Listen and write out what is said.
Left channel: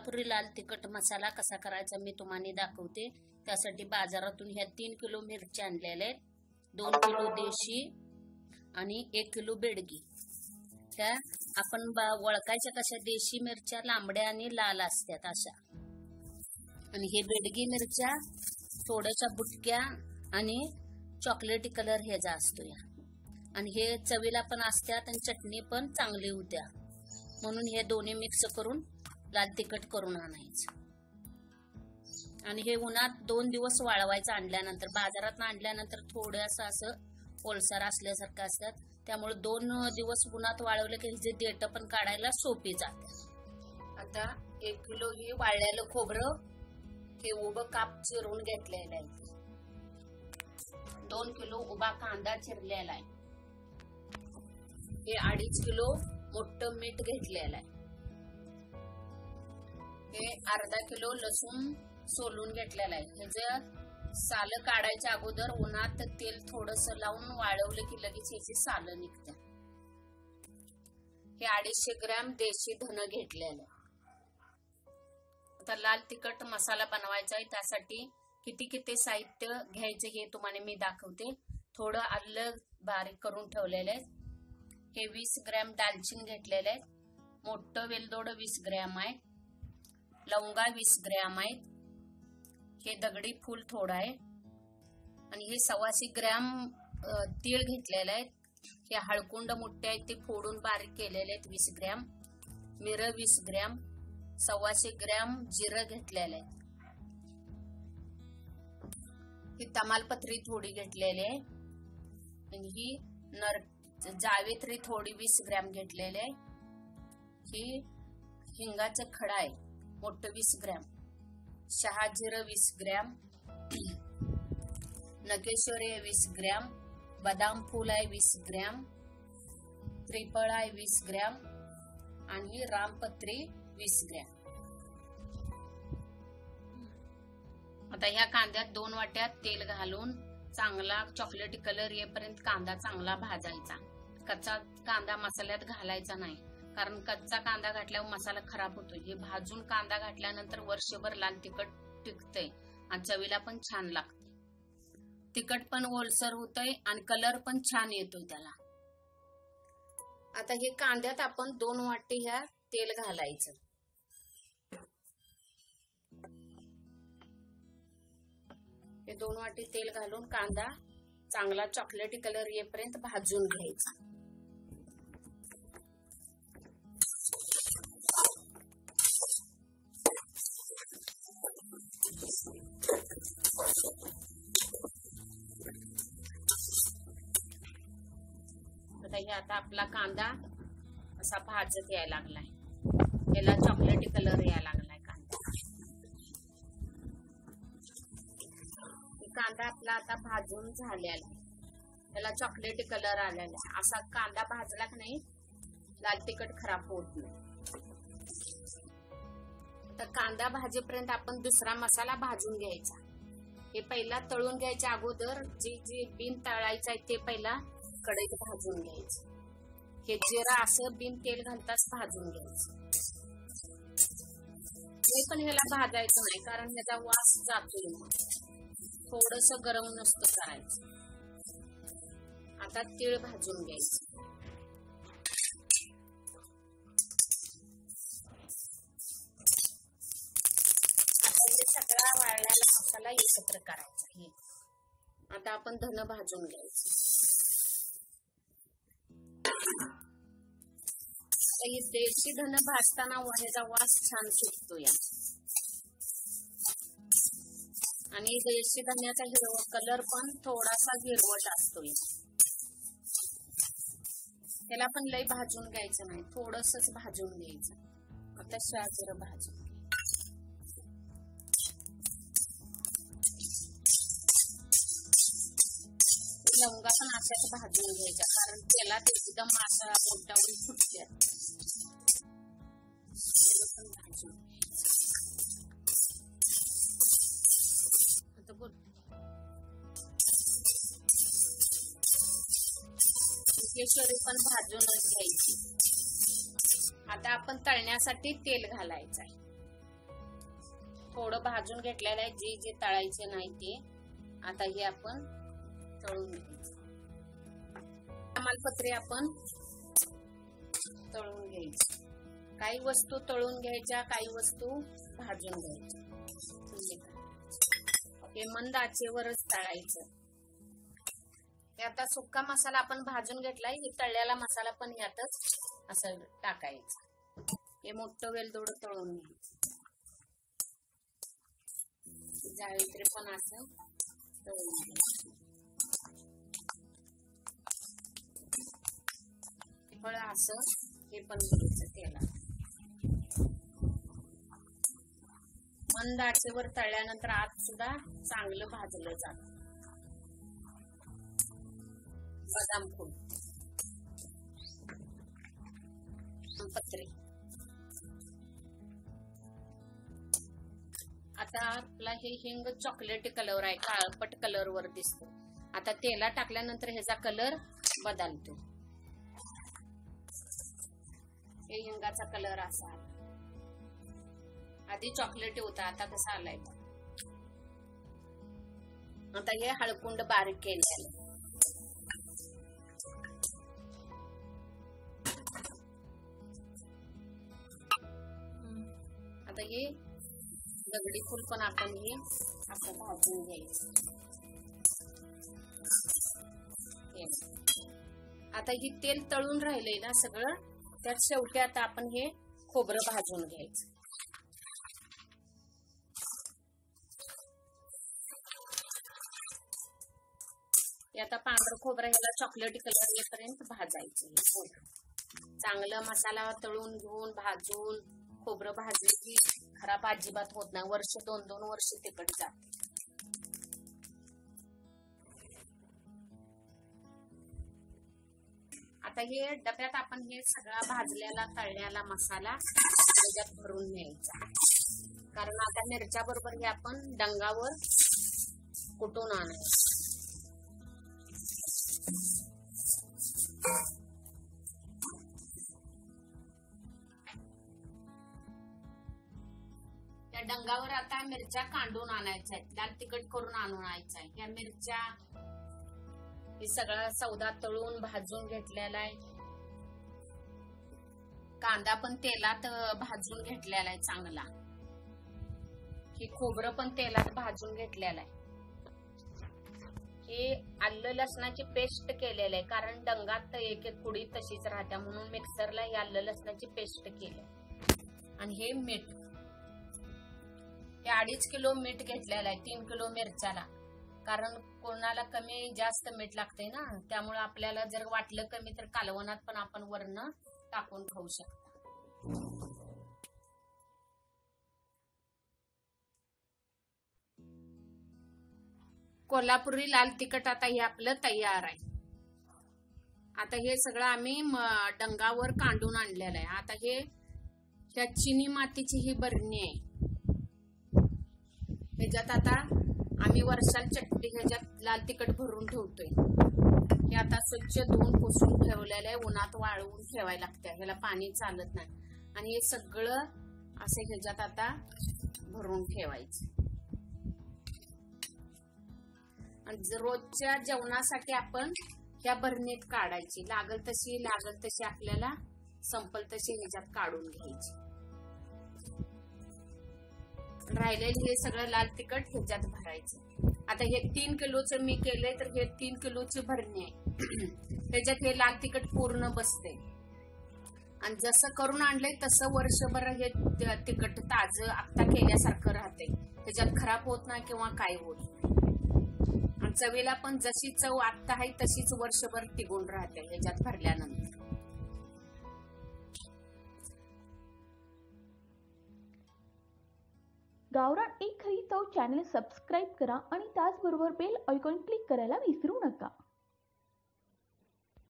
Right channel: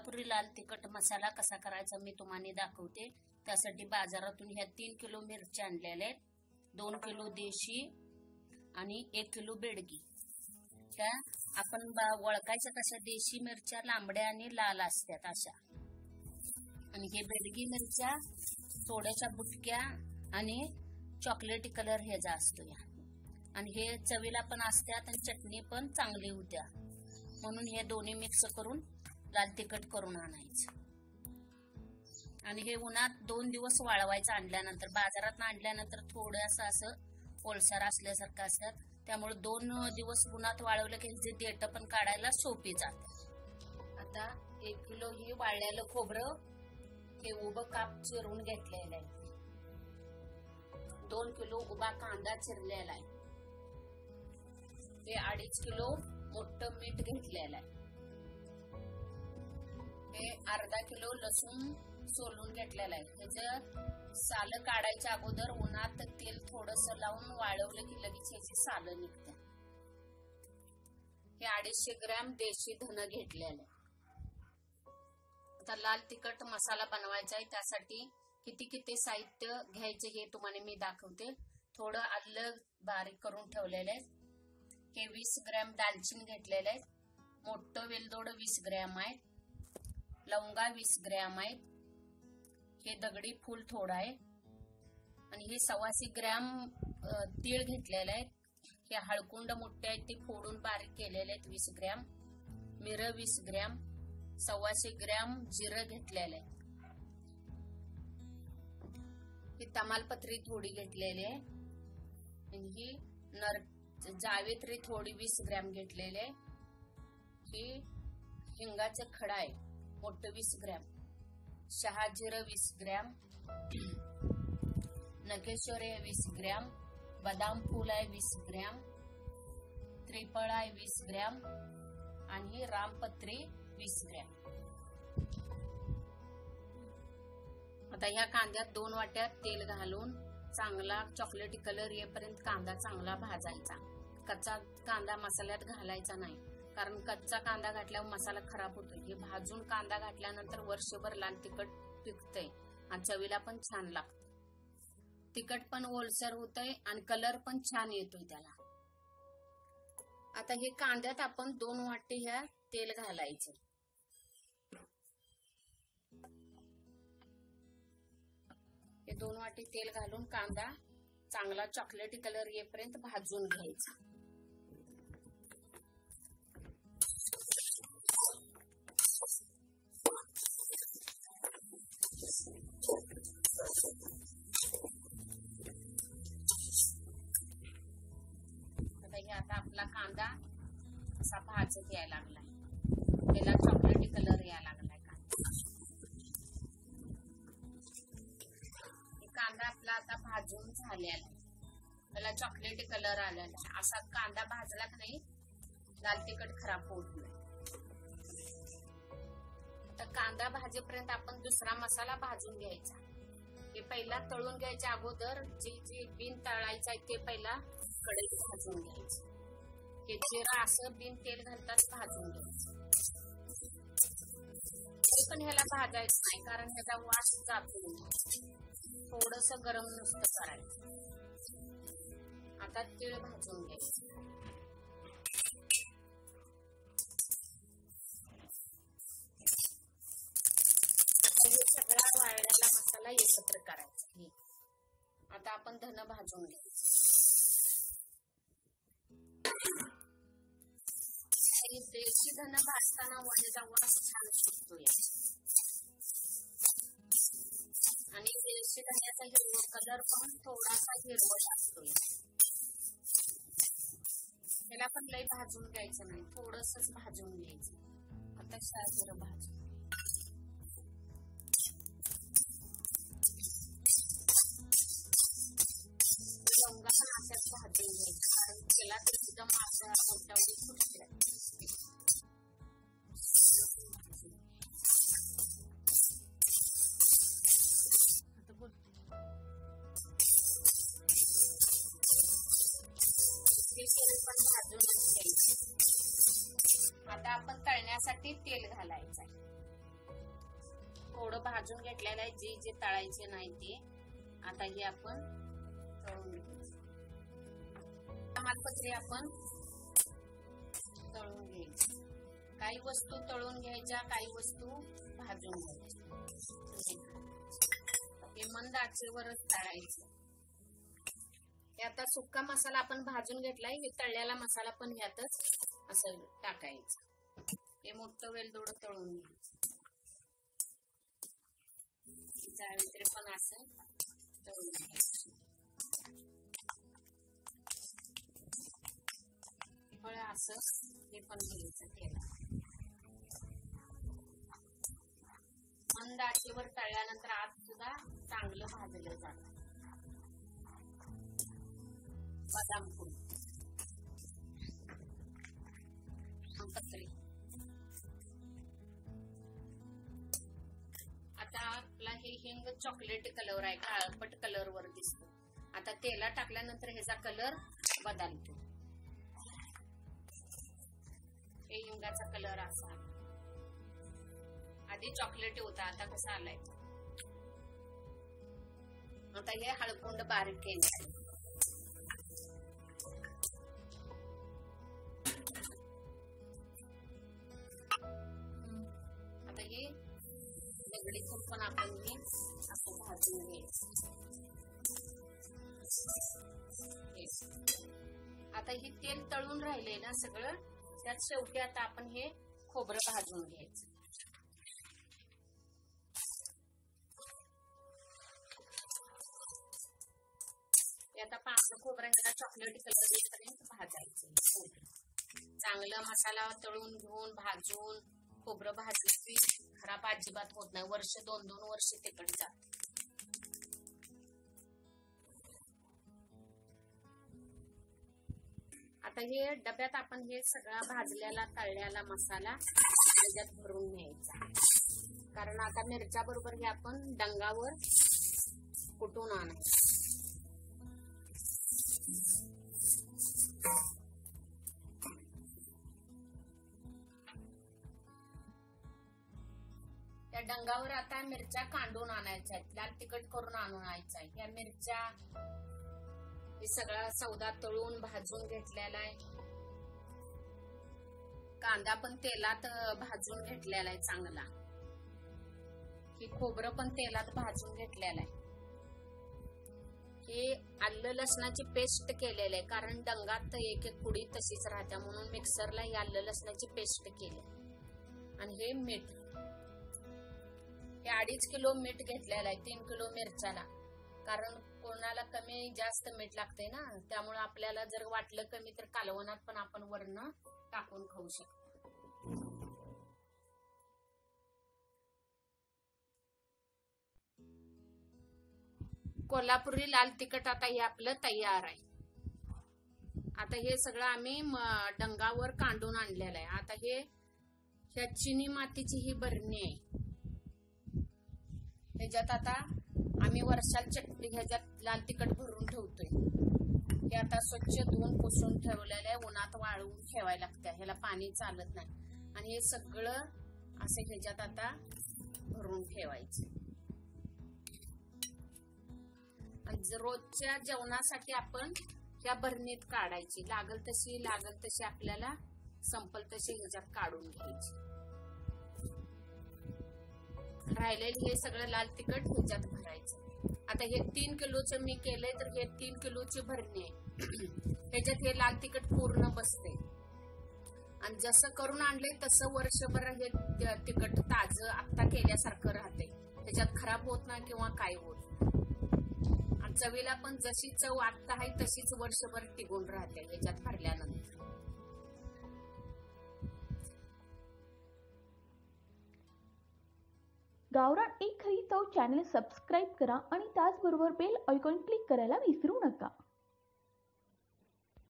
कोल्हापुरी लाल तिखट मसाला कसा करायचा मी तुम्हाला दाखवते। त्यासाठी बाजारातून ह्या 3 किलो मिरच्या आणलेल्या आहेत, 2 किलो देशी आणि 1 किलो बेडगी। त्या आपण ओळखायच्या कशा, देशी मिरच्या लांबड्या आणि लाल असतात अशा, आणि हे बेडगी मिरच्या थोड्याशा बुटक्या आणि चॉकलेटी कलर ह्याचा असतो या, आणि हे चवीला पण असतात आणि चटणी पण चांगली होत्या, म्हणून हे दोन्ही मिक्स करून लाल तिखट करून आणायचं। आणि हे उन्हात 2 दिवस वाळवायचं आणल्यानंतर। बाजारात आणल्यानंतर थोडंसं असं ओलसर असल्यासारखं असतात, त्यामुळे 2 दिवस उन्हात वाळवलं की जे देठ पण काढायला सोपी जातात। आता 1 किलो हे वाळलेलं खोबरं हे उभं काप चिरून घेतलेलं आहे। 2 किलो उभा कांदा चिरलेला आहे। हे 2.5 किलो मोठं मीठ घेतलेलं आहे। हे अर्धा किलो लसूण सोलून घेतलेला आहे। ह्याचं साल काढायच्या अगोदर उन्हात तेल थोडस लावून वाळवलं की लगेच ह्याची साल निघतात। हे 250 ग्रॅम देशी धन घेतलेलं आहे। आता लाल तिखट मसाला बनवायचा आहे, त्यासाठी किती साहित्य घ्यायचं हे तुम्हाला मी दाखवते। थोडं आलं बारीक करून ठेवलेलं आहे। हे 20 ग्रॅम दालचिनी घेतलेले आहेत, मोठं वेलदोड 20 ग्रॅम आहे, लवंगा 20 ग्रॅम आहेत, हे दगडी फूल थोडं आहे, आणि हे 125 ग्रॅम तीळ घेतलेले आहेत। हे हळकुंड मोठे आहेत ते फोडून बारीक केलेले आहेत 20 ग्रॅम, मिरं 20 ग्रॅम, 125 ग्रॅम जिरं घेतलेले आहे। ही तमालपत्री थोडी घेतलेली आहे, आणि ही जावेत्री थोडी 20 ग्रॅम घेतलेले आहे। ही हिंगाचं खडा आहे मोठं 20 ग्रॅम, शहाजिरं 20 ग्रॅम, नकेश्वर आहे 20 ग्रॅम, बदाम फूल आहे 20 ग्रॅम, त्रिफळ आहे 20 ग्रॅम, आणि रामपत्री 20 ग्रॅम। आता ह्या कांद्यात 2 वाट्यात तेल घालून चांगला चॉकलेटी कलर येईपर्यंत कांदा चांगला भाजायचा। कच्चा कांदा मसाल्यात घालायचा नाही, कारण कच्चा कांदा घातल्यावर मसाला खराब होतो। हे भाजून कांदा घातल्यानंतर वर्षभर लाल तिखट टिकतंय आणि चवीला पण छान लागते। तिखट पण ओलसर होतंय आणि कलर पण छान येतोय त्याला। आता हे कांद्यात आपण 2 वाटी ह्या तेल घालायचं। हे 2 वाटी तेल घालून कांदा चांगला चॉकलेटी कलर येईपर्यंत भाजून घ्यायचा। आता आपला कांदा असा भाजत यायला लागलाय, त्याला चॉकलेटी कलर यायला लागलाय कांदा आपला आता भाजून झालेला आहे, त्याला चॉकलेटी कलर आलेला आहे। असा कांदा भाजला की नाही लाल तिखट खराब होत नाही। तर कांदा भाजेपर्यंत आपण दुसरा मसाला भाजून घ्यायचा। हे पहिला तळून घ्यायच्या अगोदर जे बिन तळायचं आहे ते पहिला कढईत भाजून घ्यायचं। हे जिरा असं बिन तेल घालताच भाजून घ्यायचं। हे पण ह्याला भाजायचं नाही, कारण ह्याचा वास जातोय, थोडस गरम नसतं करायचं। आता तीळ भाजून घ्यायचं। हे सगळा वाळलेला मसाला एकत्र करायचा। हे आता आपण धन भाजून घ्यायचं। देशी धन भाजताना ह्याचा वास छान सुटतो या, आणि देशी धन्याचा हिरवा कलर पण थोडासा हिरवट असतो। त्याला पण लय भाजून घ्यायचं नाही, थोडंसंच भाजून घ्यायचं। आता शहाजिरं भाजून लवंगा पण अशाच भाजून घ्यायच्या, कारण त्याला एकदम असा बोटावरून फुटतात। आता बोल केशरी पण भाजूनच घ्यायची। आता आपण तळण्यासाठी तेल घालायचं आहे। थोडं भाजून घेतलेलं आहे, जे जे तळायचे नाही ते. आता हे आपण तळून घ्यायचं. तमालपत्री आपण तळून घ्यायची. काही वस्तू तळून घ्यायच्या, काही वस्तू भाजून घ्यायच्या. हे मंद आचेवरच तळायचं. हे आता सुक्का मसाला आपण भाजून घेतलाय, हे तळलेला मसाला पण ह्यातच असं टाकायचं. हे मोठं वेलदोड तळून घ्यायचं. जायत्री पण असं तळून घ्यायचं. फळ असं हे पण घ्यायचं तेलात. मंद आचेवर तळल्यानंतर आत सुद्धा चांगलं भाजलं जातं. बदाम फूल, पत्री. आता आपला हे हिंग चॉकलेटी कलर आहे, काळपट कलर वर दिसतो. आता तेलात टाकल्यानंतर ह्याचा कलर बदलतो. हे हिंगाचा कलर असा आधी चॉकलेटी होता, आता कसा आलाय. आता हे हळकुंड बारीक केले. आता हे दगडी फूल पण आपण हे असं भाजून घ्यायचं. आता हे तेल तळून राहिले ना सगळं, त्यात शेवटी आता आपण हे खोबरं भाजून घ्यायचं. आता पांढरं खोबरं ह्याला चॉकलेटी कलर येईपर्यंत भाजायचं. चांगलं मसाला तळून घेऊन भाजून खोबरं भाजले की खराब अजिबात होत नाही. वर्ष 2-2 वर्ष तिकडे जाते. आता हे डब्यात आपण हे सगळा भाजलेला तळलेला मसाला त्याच्यात भरून न्यायचा. कारण आता मिरच्या बरोबर हे आपण डंगावर कुटून आणायचं. त्या डंगावर आता मिरच्या कांडून आणायच्या आहेत, लाल तिखट करून आणून आणायचं आहे. ह्या मिरच्या हे सगळा सौदा तळून भाजून घेतलेला आहे. कांदा पण तेलात भाजून घेतलेला आहे चांगला. हे खोबरं पण तेलात भाजून घेतलेलं आहे. हे आलं लसणाची पेस्ट केलेलं आहे, कारण डंगात एक एक कुडी तशीच राहत्या म्हणून मिक्सरला हे आलं लसणाची पेस्ट केली. आणि हे मीठ, हे 2.5 किलो मीठ घेतलेलं आहे 3 किलो मिरच्याला. कारण कोणाला कमी जास्त मीठ लागते ना, त्यामुळे आपल्याला जर वाटलं कमी तर कालवणात पण आपण वरण टाकून खाऊ शकतो. कोल्हापुरी लाल तिखट आता हे आपलं तयार आहे. आता हे सगळं आम्ही डंगावर कांडून आणलेलं आहे. आता हे ह्या चिनी मातीची ही बरणी आहे. ह्याच्यात आता आम्ही वर्षाला चटणी ह्याच्यात लाल तिखट भरून ठेवतोय. हे आता स्वच्छ धुवून पुसून ठेवलेलं आहे. उन्हात वाळवून ठेवायला लागतं, ह्याला पाणी चालत नाही. आणि हे सगळं असं ह्याच्यात आता भरून ठेवायचं. आणि रोजच्या जेवणासाठी आपण ह्या बरणीत काढायची. लागल तशी आपल्याला संपल तशी ह्याच्यात काढून घ्यायची. राहिलेलं हे सगळं लाल तिखट ह्याच्यात भरायचं. आता हे 3 किलोचं मी केलंय, तर हे 3 किलोची भरणी आहे. ह्याच्यात हे लाल तिखट पूर्ण बसते. आणि जसं करून आणलंय तसं वर्षभर हे तिखट ताजं आत्ता केल्यासारखं राहते. त्याच्यात खराब होत नाही किंवा काय होत नाही. आणि चवीला पण जशी चव आत्ता आहे तशीच वर्षभर टिकून राहते ह्याच्यात भरल्यानंतर. गावरान एक खरी चव चॅनल सबस्क्राईब करा आणि त्याचबरोबर बेल आयकॉन क्लिक करायला विसरू नका.